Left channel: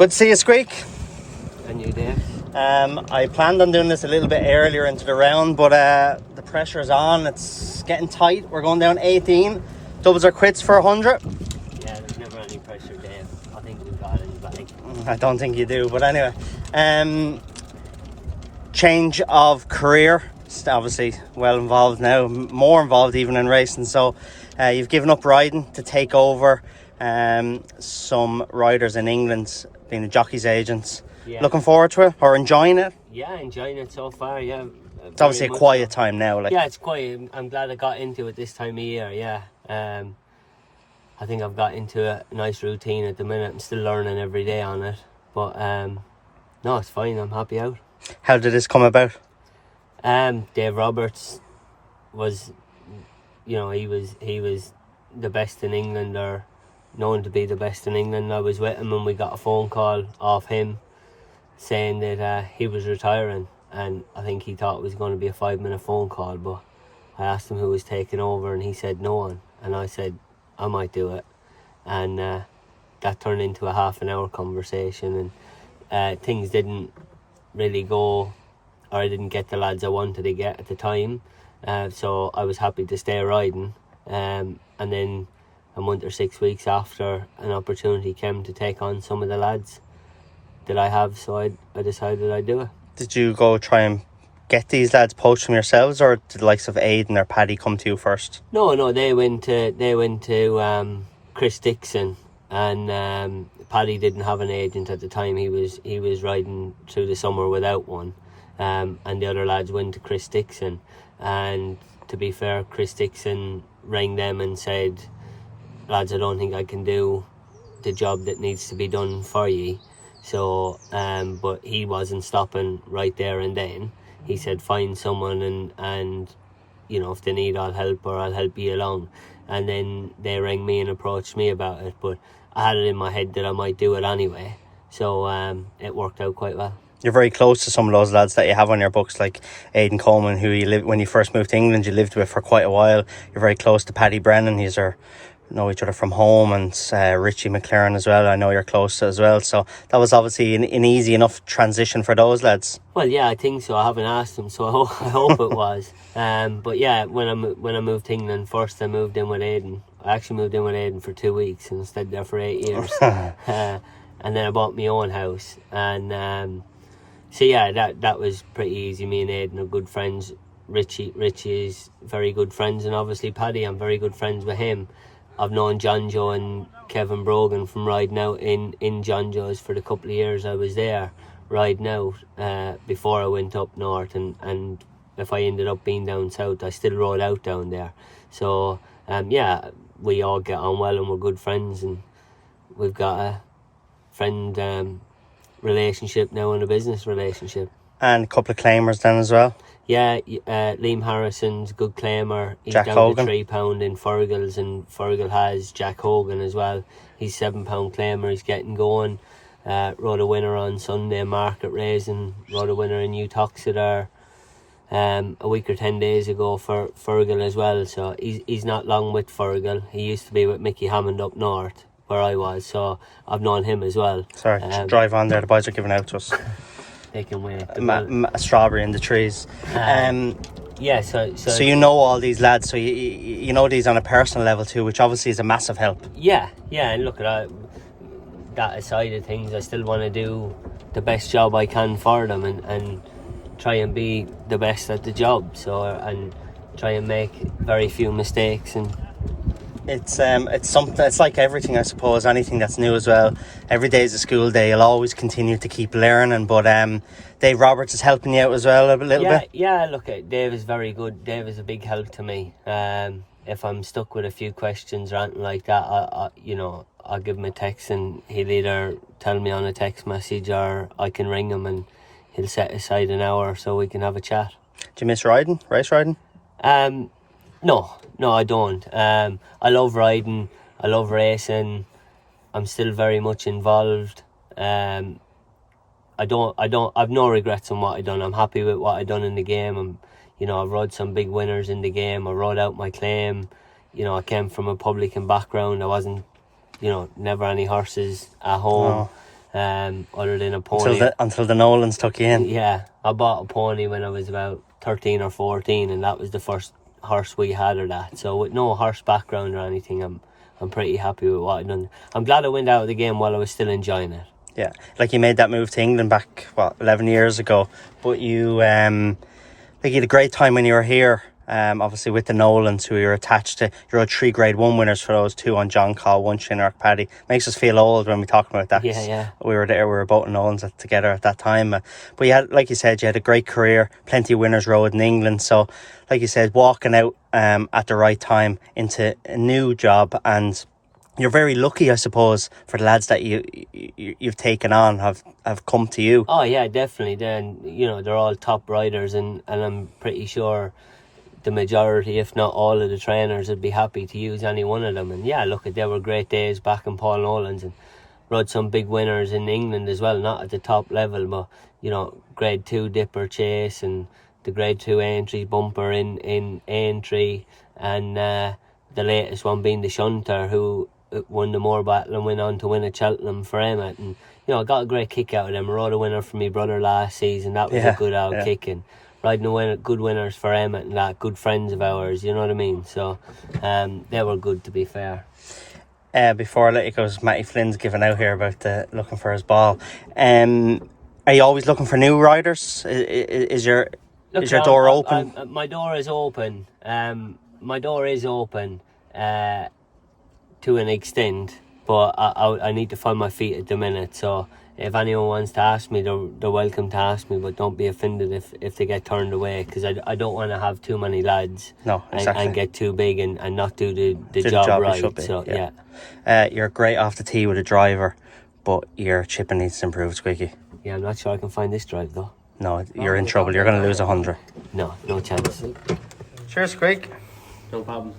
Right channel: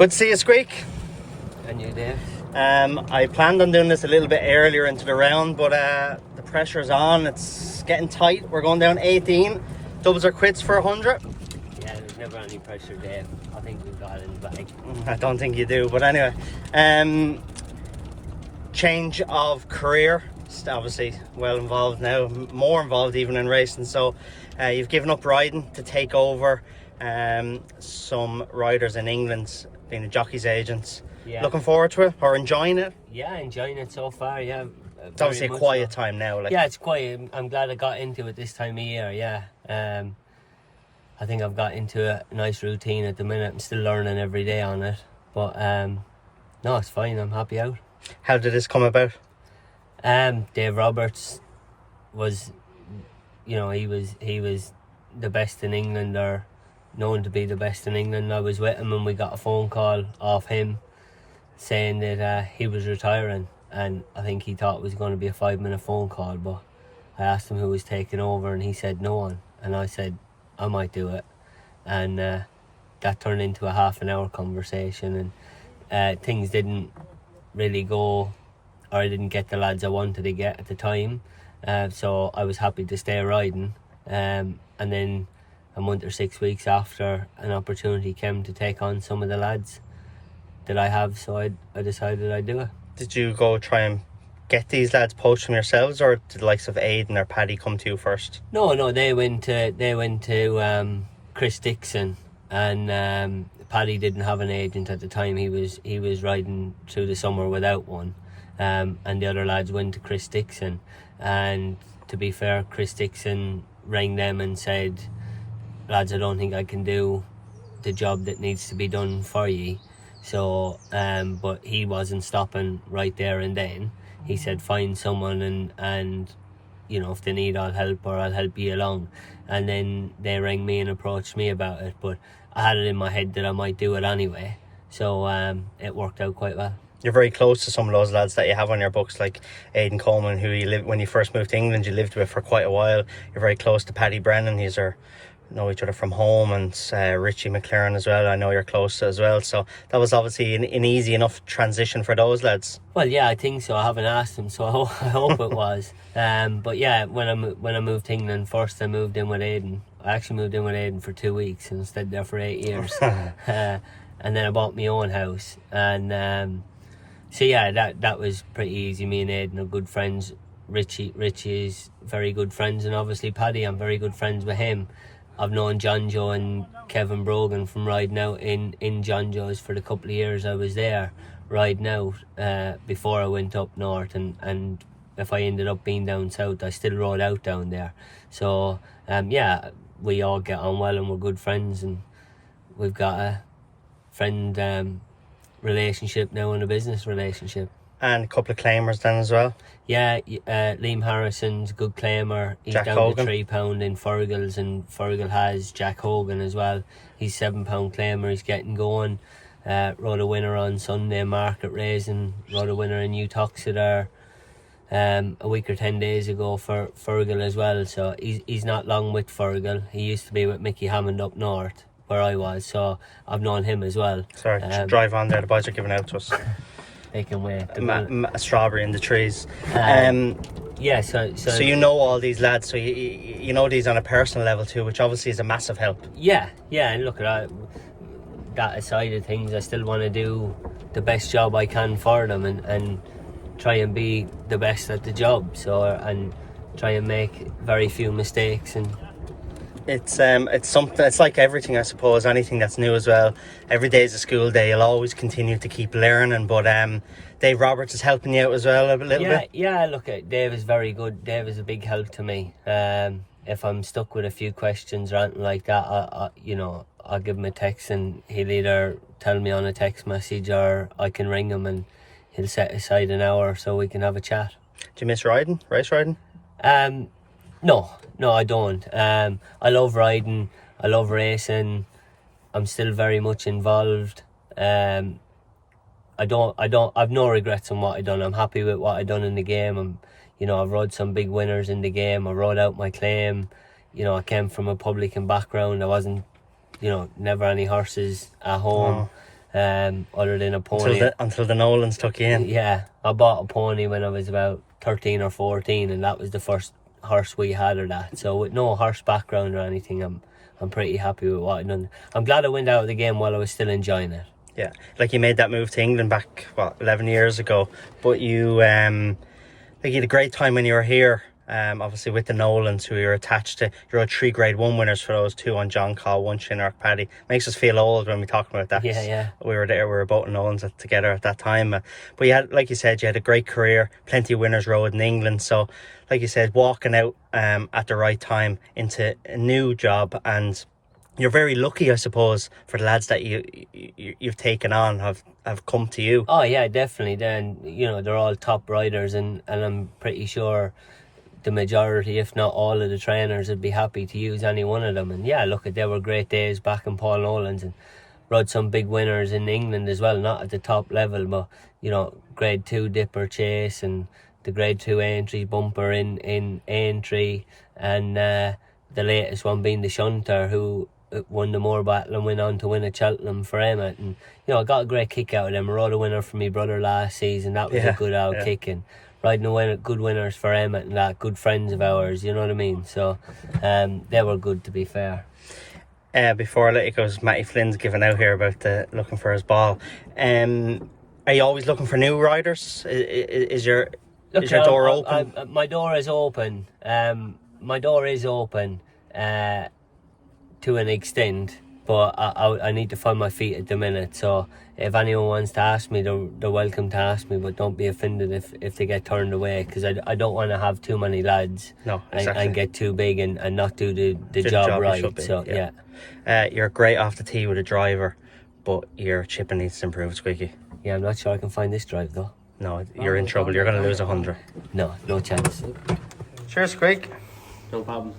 Good to see you, Squeak. And you, Dave? I planned on doing this a little bit earlier into the round, but the pressure's on. It's getting tight. We're going down 18. Doubles or quits for 100. Yeah, there's never any pressure, Dave. I think we've got it in the bag. I don't think you do, but anyway. Change of career. It's obviously well involved now, more involved even in racing. So you've given up riding to take over some riders in England, being the jockeys agents. Yeah. Looking forward to it or enjoying it? Yeah, enjoying it so far, yeah. It's obviously a quiet time now. Yeah, it's quiet. I'm glad I got into it this time of year, yeah. I think I've got into a nice routine at the minute. I'm still learning every day on it. But no, it's fine. I'm happy out. How did this come about? Dave Roberts was, he was the best in England, or known to be the best in England. I was with him and we got a phone call off him saying that he was retiring, and I think he thought it was going to be a 5-minute phone call, but I asked him who was taking over and he said no one, and I said I might do it, and that turned into a half-an-hour conversation, and things didn't really go, or I didn't get the lads I wanted to get at the time, so I was happy to stay riding, and then a month or 6 weeks after, an opportunity came to take on some of the lads that I have, so I decided I'd do it. Did you go try and get these lads, poach them yourselves, or did the likes of Aidan or Paddy come to you first? No, they went to Chris Dixon, and Paddy didn't have an agent at the time. He was riding through the summer without one, and the other lads went to Chris Dixon, and to be fair, Chris Dixon rang them and said, lads, I don't think I can do the job that needs to be done for you. So, but he wasn't stopping right there and then. He said, find someone and if they need, I'll help, or I'll help you along. And then they rang me and approached me about it, but I had it in my head that I might do it anyway. So it worked out quite well. You're very close to some of those lads that you have on your books, like Aidan Coleman, who when you first moved to England, you lived with for quite a while. You're very close to Paddy Brennan. These know each other from home, and Richie McLaren as well. I know you're close to as well, so that was obviously an easy enough transition for those lads. Well, yeah, I think so. I haven't asked them, so I hope it was. But yeah, when I moved to England first, I moved in with Aidan. I actually moved in with Aidan for 2 weeks and stayed there for 8 years. And then I bought my own house, and so yeah, that was pretty easy. Me and Aidan are good friends. Richie is very good friends, and obviously Paddy, I'm very good friends with him. I've known John Joe and Kevin Brogan from riding out in John Joe's for the couple of years I was there riding out before I went up north, and if I ended up being down south, I still rode out down there. So yeah, we all get on well and we're good friends, and we've got a friend relationship now and a business relationship. And a couple of claimers then as well. Yeah, Liam Harrison's a good claimer. He's Jack down Hogan. To £3 in Fergal's, and Fergal has Jack Hogan as well. He's £7 claimer. He's getting going. Rode a winner on Sunday market raising. Rode a winner in New Toxeter a week or 10 days ago for Fergal as well. So he's not long with Fergal. He used to be with Mickey Hammond up north where I was. So I've known him as well. Sorry, drive on there. The boys are giving out to us. They can wait. A strawberry in the trees. Yeah, so you know all these lads, so you know these on a personal level too, which obviously is a massive help. Yeah, and look at that aside of things, I still want to do the best job I can for them, and try and be the best at the job. So and try and make very few mistakes. And it's something. It's like everything, I suppose. Anything that's new as well. Every day is a school day. You'll always continue to keep learning. But Dave Roberts is helping you out as well a little bit. Yeah. Look, Dave is very good. Dave is a big help to me. If I'm stuck with a few questions or anything like that, I'll give him a text, and he'll either tell me on a text message, or I can ring him and he'll set aside an hour so we can have a chat. Do you miss race riding? No, I don't. I love riding. I love racing. I'm still very much involved. I've no regrets on what I've done. I'm happy with what I've done in the game. I've rode some big winners in the game. I rode out my claim. I came from a publican background. I wasn't, never any horses at home. other than a pony. Until the Nolans took you in. Yeah, I bought a pony when I was about 13 or 14, and that was the first horse we had of that. So with no horse background or anything, I'm pretty happy with what I've done. I'm glad I went out of the game while I was still enjoying it. Yeah, like you made that move to England back 11 years ago, but you you had a great time when you were here. Obviously with the Nolans, who you're attached to. You're all 3 Grade 1 winners for those, 2 on John Call, 1 Shinark Paddy. Makes us feel old when we talk about that. Yeah. We were there, we were both Nolans together at that time. But you had, like you said, you had a great career, plenty of winners rode in England. So, like you said, walking out at the right time into a new job, and you're very lucky, I suppose, for the lads that you've taken on have come to you. Oh yeah, definitely. Then they're all top riders, and I'm pretty sure the majority, if not all of the trainers, would be happy to use any one of them. And yeah, look, there were great days back in Paul Nolan's, and rode some big winners in England as well, not at the top level, but Grade 2 Dipper Chase and the Grade 2 Aintree Bumper in Aintree, and the latest one being the Shunter, who won the Moore Battle and went on to win at Cheltenham for Emmett. And I got a great kick out of them. I rode a winner for my brother last season. That was a good out kicking. Riding good winners for Emmett and that, good friends of ours, you know what I mean? So they were good, to be fair. Before I let you go, Matty Flynn's giving out here about looking for his ball. Are you always looking for new riders? Is your door open? My door is open. My door is open to an extent, but I need to find my feet at the minute. So if anyone wants to ask me, they're welcome to ask me, but don't be offended if they get turned away, because I don't want to have too many lads. No, exactly. and get too big and not do the job right. So yeah. You're great off the tee with a driver, but your chipping needs to improve, Squeaky. Yeah, I'm not sure I can find this drive though. No, you're in trouble. You're going to lose 100. No chance. Cheers, Squeak. No problem.